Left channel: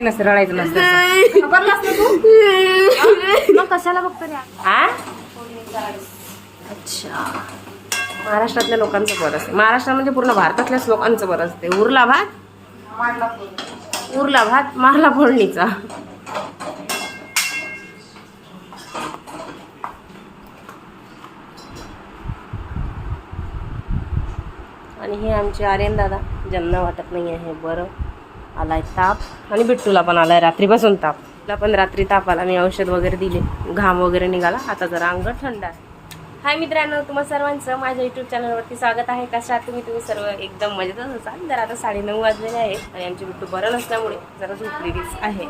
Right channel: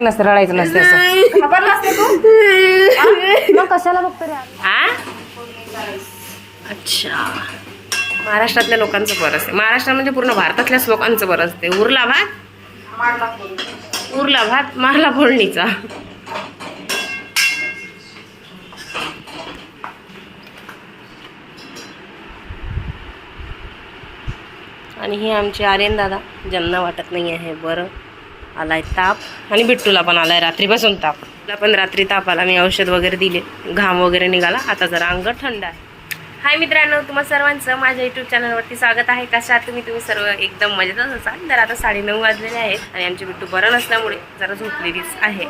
नसतं रडायचं नसतं असं. तू? मग कशाला बघतो रे आ? अच्छा. महाराष्ट्रातल्या लोकांचं बरं असते. महाराष्ट्र म्हणजे पूर्ण भारतातल्याच लोकांचं बरं असते. उरला भात? उरला भात मारला फोडणीचा. आणि हे आमचे आर्यन दादा. ज्यांना वाटत नाही आहे बरं. आलाय ताप. आणि बिट्टूला पण आलाय रात्रीपासून ताप. तुला पण रात्री ताप आला मी औषध वगैरे दिले. घाम वगैरे निघाला. आता जरा अंग थंड आहे. हाय मित्रांनो तुम्हा सर्वांचं माझ्या युट्यूब चॅनलवरती स्वागत आहे. कशात तुम्ही? तुम्ही सर्व एकदम मजेतच असाल. तर आता साडेनऊ वाजलेले आहेत आणि आमची बिट्टू बरं नसल्यामुळे जरा झोपलेलीच आहे.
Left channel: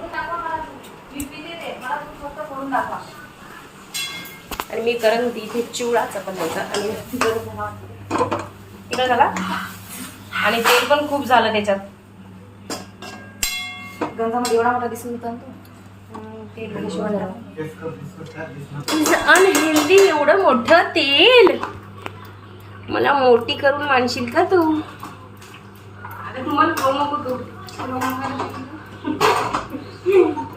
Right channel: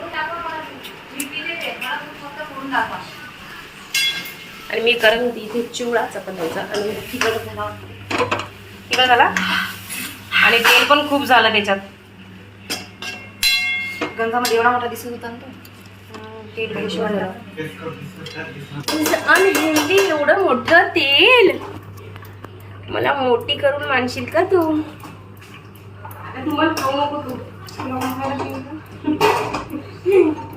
आणि मी करत होती इथे चिवडा द्यायचं. आणि तिकडे झाला. तिकडे झाला. आणि तेल पण खूप झालं त्याच्यात. गंगामध्ये एवढा मोठा दिसून होता ना तो. तेल अनहेल्दी एवढं मोठं तेल. मला मोठी करून मानशील का तू? आता तू मला खाऊ नको तू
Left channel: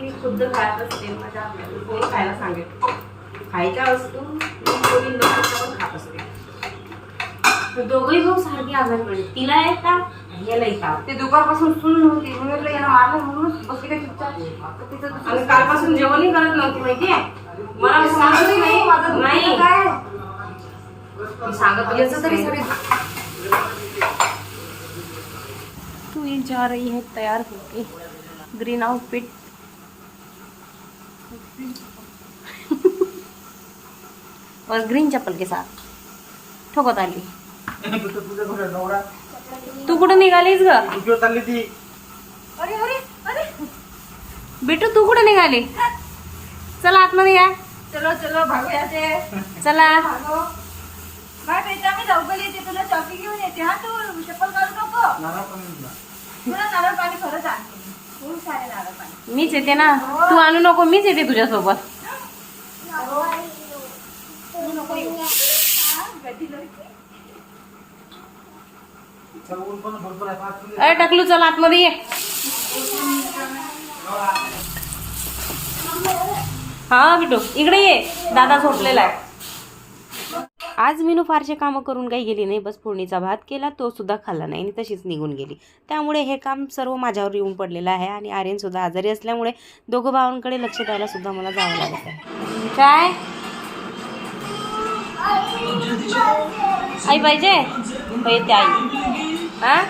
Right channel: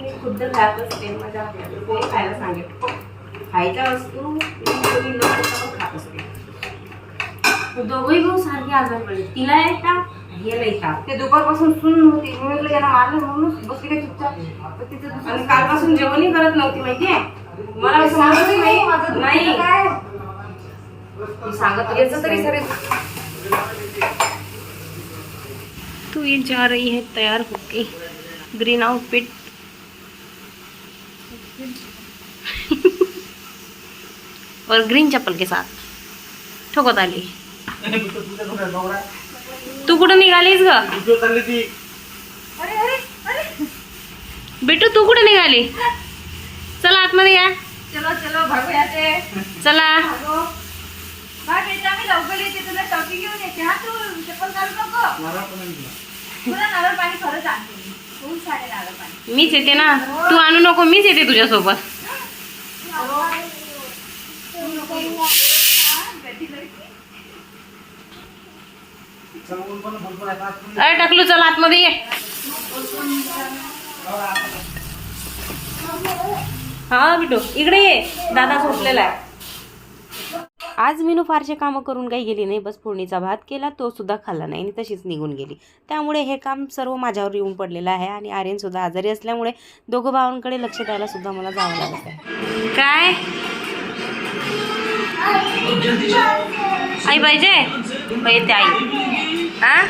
मी खुद्द खात असते माझ्या कोणी खायला सांगेल? खायच्या वस्तू मी खात असते दोघंही भाऊ सारखे आजार पडले. तिला येतात याला येतात ते दुपारपासून सून नव्हती मी म्हटलं मारलं म्हणून बसली काय चुपचाप तिचं दुसरं आणि कालपासून जेवणही करत नव्हती माहितीये मला समजलंच नाही. माझं नाही. काय? मी सांगत याचं तरी सगळे. तू ये जा रही है तैयार होके ग्रीन आउटफिट और ग्रीन चप्पल के साथ. ठोकत आली. तू कुठं निघालीस ग? अरे अरे अरे. बिटू तू कुठं निघाली? चला आतमध्ये या. चलो चलो चला. भागो. काय बेटा मी लवकर येते तुला टॉफी घेऊन येते हा तू चप्पल काढू नको. तुला नारळ पाणी खरंच आणते. खूप सारे नारळ पाणी. मीच येते ना. तू आणू नको मीच येते तुझ्यासोबत. नको अरे टाकलू चल आतमध्ये ये. हा बिटू इकडे ये. दादा झोपलेला आहे. आज मीनू फारसे कामं करून काही गेली नाही. बस फोडणीचा भात केला तो सुद्धा खाल्ला नाही आणि तशीच निघून गेली. त्यामुळे हे काम सर्व माझ्यावर येऊन पडलेलं आहे आणि आर्यन सुद्धा आजारी असल्यामुळे दोघं भावांकडे लक्ष द्यायला सुद्धा मला जावं लागत आहे. काय? आई पाहिजे? पाहिजे आई. हा?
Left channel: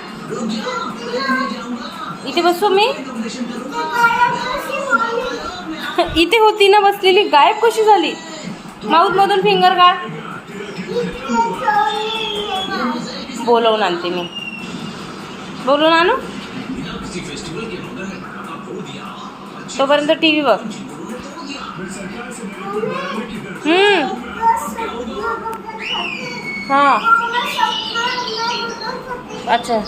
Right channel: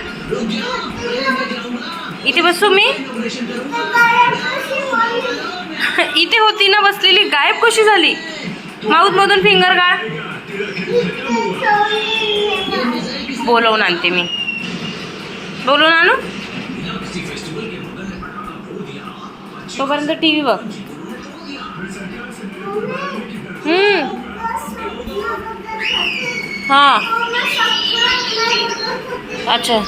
इथे बसू मी? इथे होती ना बसलेली गायब कशी झाली? माऊथ मधून फिंगर काढ. बोलवून आणते मी. बोलवून आणू? तोपर्यंत टी व्ही बघ. हम्म. हा. अच्छा.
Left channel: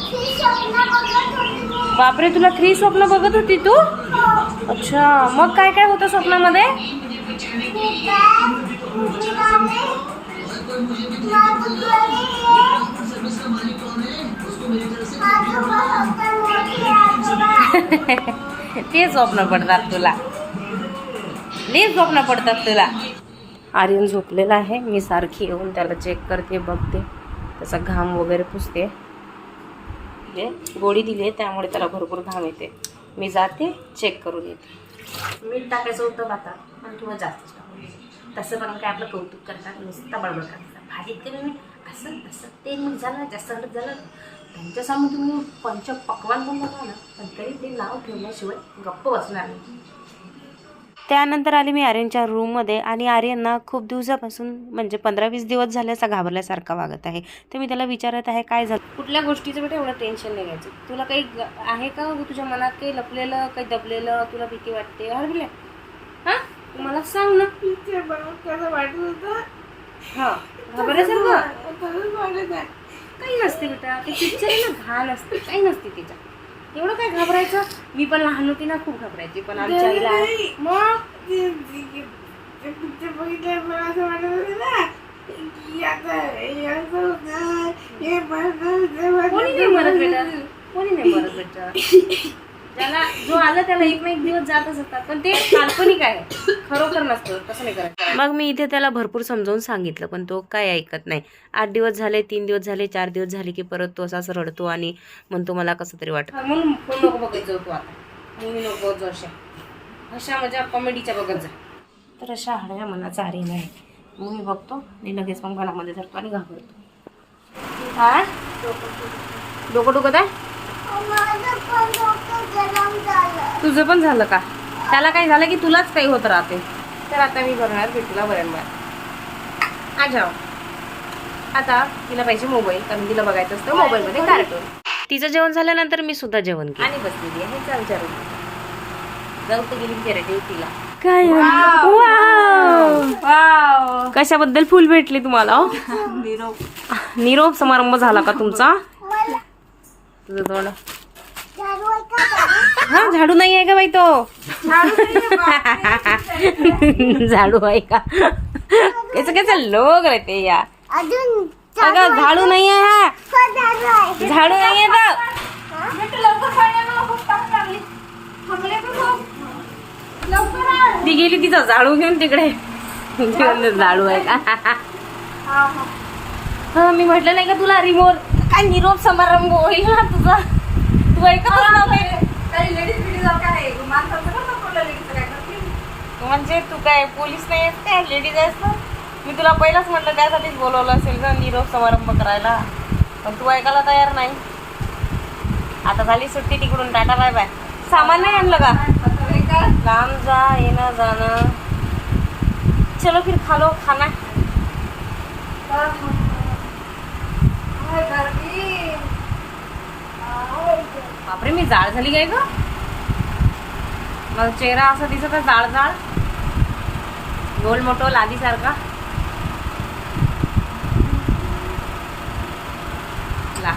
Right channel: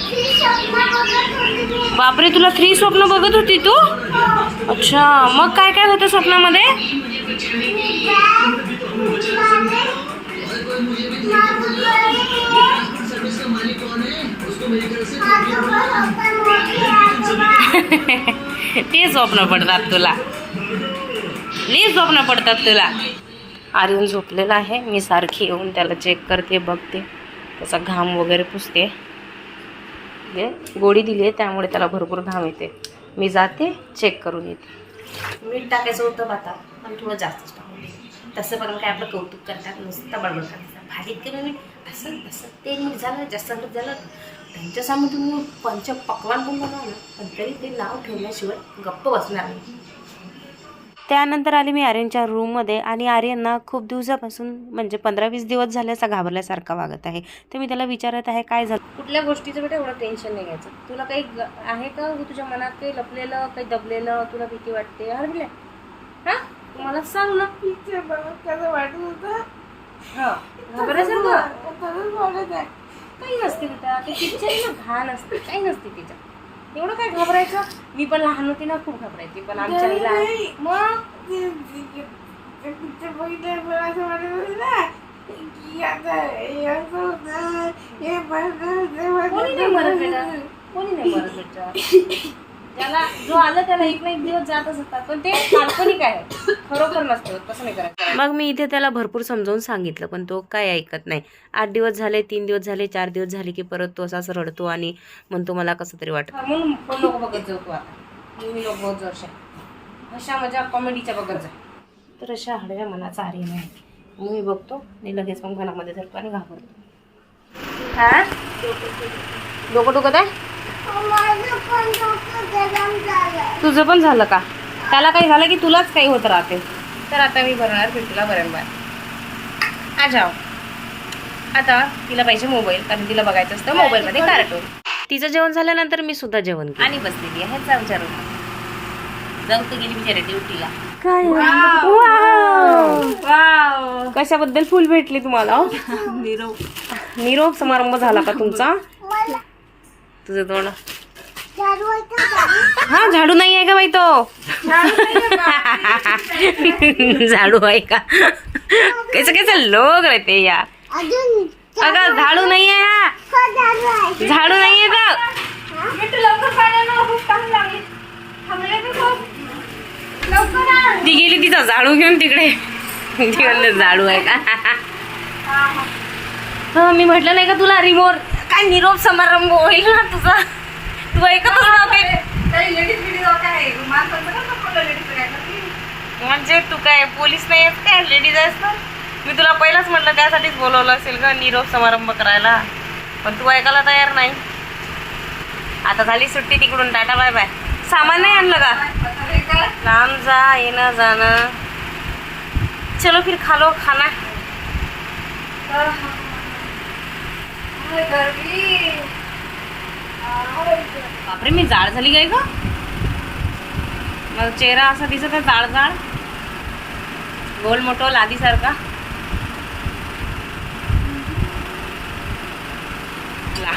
बापरे तुला थ्री स्वप्न बघत होती तू? अच्छा. मग काय काय होतं स्वप्नामध्ये? ते स्वप्न पडतात तुला. लई स्वप्न पडतात तुला. आर्यन झोपलेला आहे. मी सारखी येऊन त्याला चेक करते बघते. त्याचा घाम वगैरे पुसते. म्हणजे गोळी दिली आहे त्यामुळे त्याला भरपूर घाम येते. मी जाते चेक करून येते. मीठ टाकायचं होतं आता पण थोडं जास्तच टाकून दे. तसं पण काय आपलं कौतुक करतात नुसतं बडबड करतात. भाजीत कमी मीठ असं तसं ते मीठ झालं जास्त मीठ झालं. त्यांच्यासमोर तुम्ही पंच पकवान पण बघा ना पण तरी ते नाव ठेवल्याशिवाय गप्प बसणार नाही. त्यानंतर आले मी आर्यनच्या रूममध्ये आणि आर्यनना खूप दिवसापासून म्हणजे पंधरा वीस दिवस झाले असा घाबरल्यासारखा वागत आहे. तर मी त्याला विचारत आहे काय झालं? कुठल्या गोष्टीचं बेटा एवढं टेन्शन नाही घ्यायचं. तुला काही ग- आहे का हो तुझ्या मनात काही लपलेलं काही दबलेलं तुला भीती वाटते? हरविले हां? तू मला सांग ना. कसं वाटत होतं? हां घाबरायचं वाटत आहे. काही नसते बेटा. ते पिक्चर आहे ना घाण असते. काही नसते त्याच्यात एवढं काय घाबरायचं मी पण लहान होती ना खूप घाबरायची पण आमच्या आईला. मग पिक्चर मला असं वाटत होतं ना की आता हे असं होतं हे बनतं, ते बनतं, कोणी नाही मरत. बेटा कोणी नाही मरत बेटा ज्याला जो आला त्याला एक ना एक दिवस जातच असतात पण ते काल्पनिक आहे. खरोखर नसतं तसं नाही करायचं. मग मी इथे त्याला भरपूर समजावून सांगितलं पण तो काय ऐकत नाही. आठ दिवस झाले तीन दिवस झाले चार दिवस झाले की परत तो असाच रडतो आणि म्हणतो मला कसं तरी वाटत. म्हणून फोन नको बघत जाऊ तू आता. मूवी नको बघत जाऊ अशा अशा माझ्या कॉमेडीच्या बघत जा. तर अशा हळव्या मनाचा आर्य नाही. मूवी बघतो आणि लगेच मग मनामध्ये धरतो आणि घाबरतो. हा? डोकं दुखत आहे? तुझं पण झालं का? त्याला काही झालं की तुलाच काही होत राहते. तर आता मी भरणार बिट्टूला बऱ्यांबर आ जाओ आता तिला पाहिजे मोबाईल कारण तिला बघायचं असतं मोबाईलमध्ये कार्टून तिचं जेवण झाल्यानंतर मी सुद्धा जेवण केलं. आणि बसलेली आहे जा विचारू जाऊ तर गेली बिचारे ड्युटीला. काय? कशाबद्दल फुल भेटले तुम्हाला हो? निरोप समारंभ झाला का तुमचा? तुझं तोंड हा झाडू नाही आहे का बाई तो? झाडू आहे का कैसे कैसे लोग रहते या अगं झाडू नाही आहे हा? झाडू नाही आहे तर तू? गेली तिचा झाडू घेऊन तिकडे. झाडू आहे का? हा मी म्हटलं नाही का तुला रिमोट काय निरोप समारंभ होईल ना तुझा? तू ऐकतच नव्हते काही लेडीज बिडीज वगैरे आहे. माणसाचं कसं बोललं लेडीजचं काय करतील? म्हणजे तू काय पोलीस नाही आहेस काय? लेडीज आहेस ना? मी तुला पहिलाच म्हटलं त्यासाठीच बोलवलं असेल का निरोप समारंभ करायला. पण तू ऐकायला तयार नाही. आता झाली सुट्टी तिकडून. टाटा बाय बाय सामान नाही आणलं का? लांब जा येणं जाणं चलो फिर खा लो खाना बापरे मी जाड झाली काय ग? माझा चेहरा असा दिसत आहे जाड जाड. गोल मोठो लादी सारखा ला.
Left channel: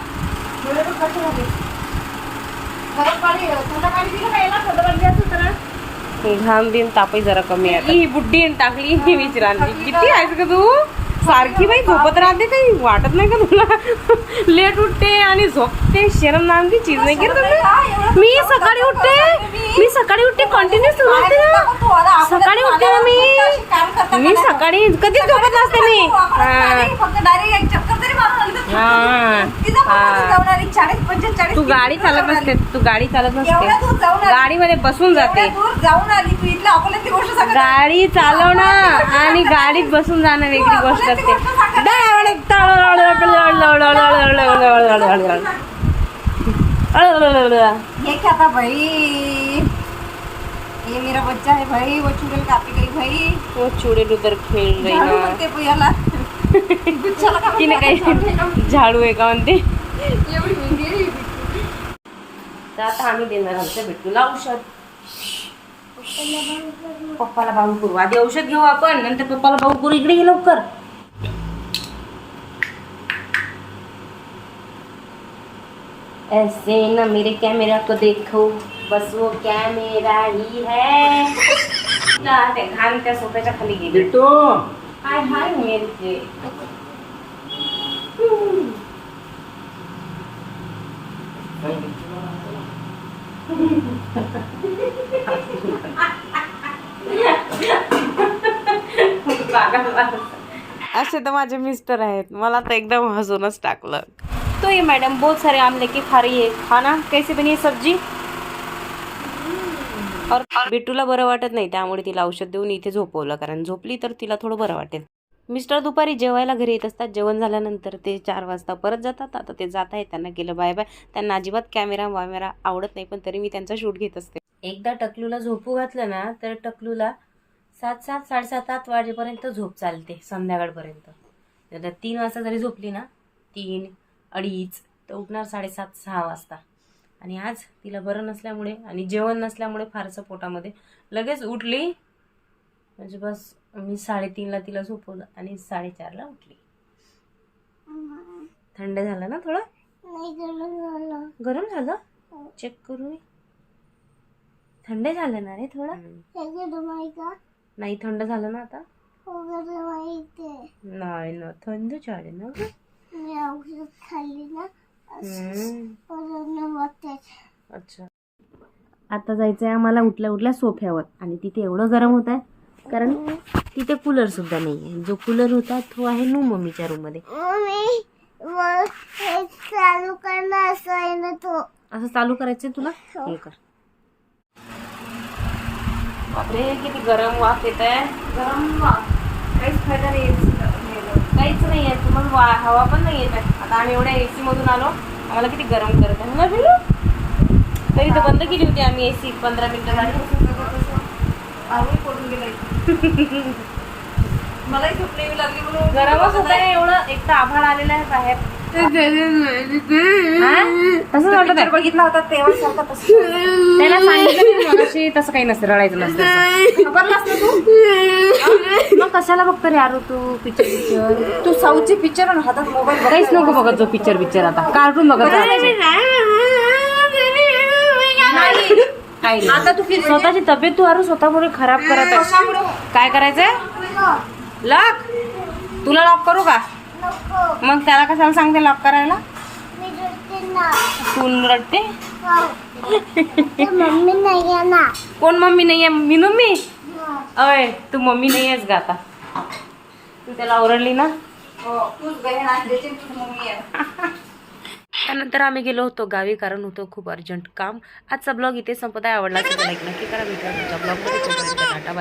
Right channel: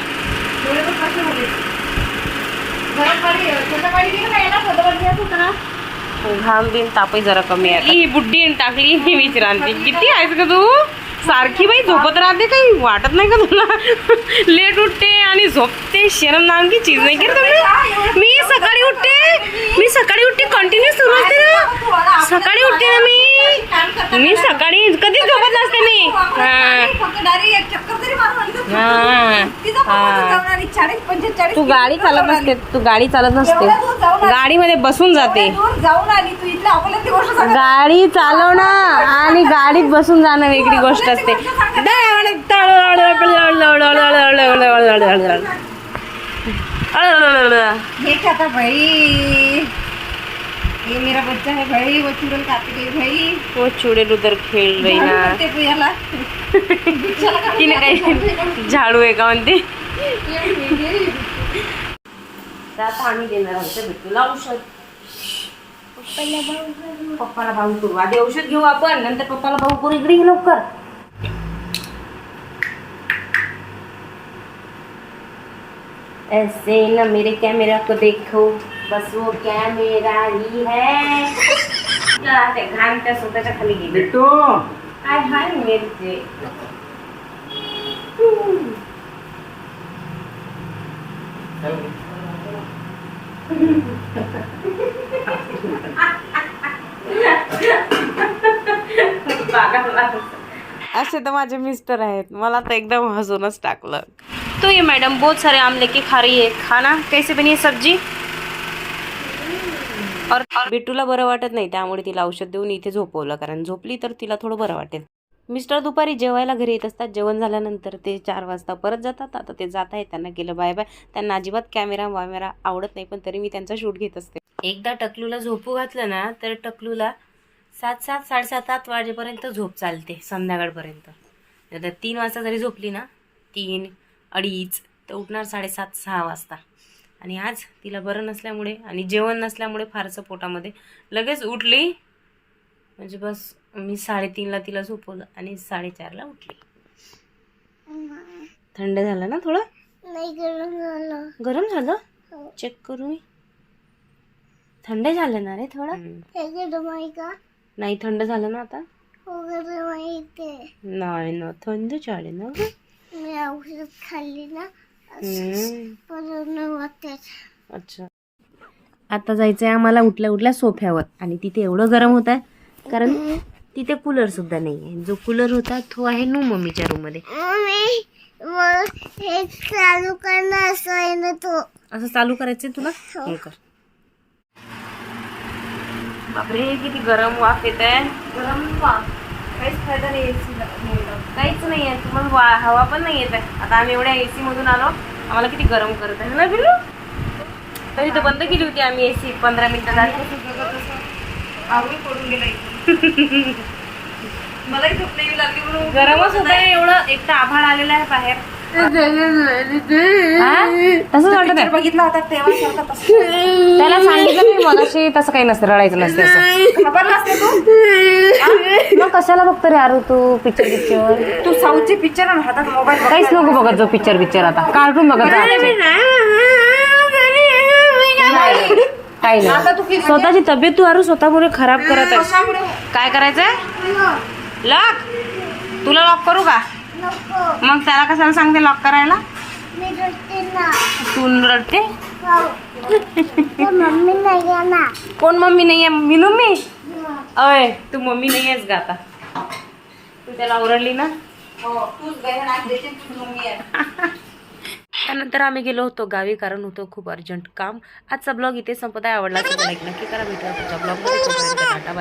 घाम दिन तापही जरा कमी आहे ही बुड्डी आणि टाकली मी विचारांती किती आहेस का तू? सारखी बाई झोपत राहते काही? वाटत नाही का तुला? लेट उठते आणि झोपते. शरम नाम की चीज नाही करत तुम्ही? मी सकाळी उठते. मी सकाळी उठते. कंटिन्यू सुरू सकाळी उठते ना मी? मी सकाळी कधीच झोपत नसते मी हा हा. हा. तू गाडी चालत नसते तू गाडी चालत नसते. गाडीमध्ये बसून जाते एवढ्या दूर जाऊन आली तू इथल्या अकोल्यातली गोष्ट सांग गाडी चालवणं आणि गाडीत बसून जाणं वेगळी गोष्ट असते क्या था भाई ये मेरा बच्चा है भाई वो चुड़ैल काटी गई भाई। वो चुडेल उधर खेळ रही झाडू ना। का काही झाडू आहे का म्हणते. तर आता आम्ही देणार आमच्या बिट्टूला औषध। पप्पाला भाऊ करू आधी औषध घेऊ आपण नंतर पप्पाला भाऊ करू इकडे लवकर। ऐसे न मेरे कैमरा को देखो। बस वो कैमरा ही है? ना, ते घाण त्या स्वतःच्या खाली गेली हाय हाय मिरचे असे तर माझे मिस्टर आहेत. मला तर एकदम हसूनच टाकलं. तो ये मैडम बहुत सारे आम लेके खा रही है. खाना? कैसे बनी है सब्जी? और बिट्टूला बरं वाटत नाही त्यामुळे तिला औषध देऊन इथे झोपवलं कारण झोपली तर तिला थोडं बरं वाटेल. मिस्टर दुपारी जेवायला घरी येत असतात जेवण झाल्यानंतर ते चार वाजता परत जातात. आता ते जात आहेत त्यांना केलं बाय बाय. त्यांना अजिबात कॅमेरा वॅमेरा आवडत नाही पण तरी मी त्यांचा शूट घेत असते. एकदा टकलूला झोपू घातलं ना तर टकलूला सात सात साडेसात आठ वाजेपर्यंत झोप चालते संध्याकाळपर्यंत. तीन वाजता जरी झोपली ना तीन अडीच तर उठणार साडेसात सहा वाजता. आणि आज तिला बरं नसल्यामुळे आणि जेवण नसल्यामुळे फारसं पोटामध्ये लगेच उठली. म्हणजे बस मी साडेतीनला तिला झोपवलं आणि साडेचारला उठली. थंड झालं ना थोडं? नाही गरम झालं. गरम झालं? चेक करू मी थंड झालं ना रे थोडं? का? नाही थंड झालं ना आता? हो नाही ना थंड झाले ना. मी औषध खाल्ली ना. अच्छा. आता जायचं आहे आम्हाला उठल्या उठल्या सोफ्यावर. आणि तिथे एवढं गरम होत आहे कारण तिथे कूलर सुद्धा नाही आहे जो कूलर होता तो आहे नू मम्मीच्या रूममध्ये हे चालू करणं असं आहे ना तो. असं चालू करायचं तुला? हे. कर. बापरे किती गरम वाफ येत आहे गरम वाफ. काहीच फायदा नाही. काहीच नाही आहे तुम्हाला वा हवा पण नाही येत आहे आता आम्ही एवढ्या एसी मधून आलो. आम्हाला किती गरम करत आहे. ना बिलू तरी तर बंद केली होती आम्ही एसी पंधरा मिनिटासाठी आवळी पडून गेला मलाही झोप नाही लागली म्हणून गरमच होत आहे. एवढं एक तर आभाळ आलेलं आहे बाहेर? तसंच वाटत आहे बघितला होता तेव्हाच होता तसं. त्याला सांगितलं मगाशी तसं काही नसतं रडायचं नसतं असं. खबर नसते तू? मग कशाला बघतो रे आरू तू पिक्चर पिक्चर तू साऊथची पिक्चर आणि हातात मोबाईल काहीच नको बघत जो पिक्चर पिक्चर आता. कार्टून बघत जा. नाही. काही आता तू स्वतःची तब्येत तू आरू स्वतःमुळे खराब करत कशामुळे काय करायचंय? लॉक तुला लॉक करू का? मग त्याला कशाला सांगते लॉक करायला? तू रडते मम्मी नाही आहे ना. कोण मम्मी नाही आहे? मी मी? अय तू मम्मी नाही आहेस गा आता. तू त्याला ओरडली ना? हो त्यानंतर आम्ही गेलो होतो गावी कारण होतं खूप अर्जंट काम. आजचा ब्लॉग इथे संपत आहे. आवडला तर लाईक नक्की करा. भेटूया ब्लॉगमध्ये. तोपर्यंत टाटा बाय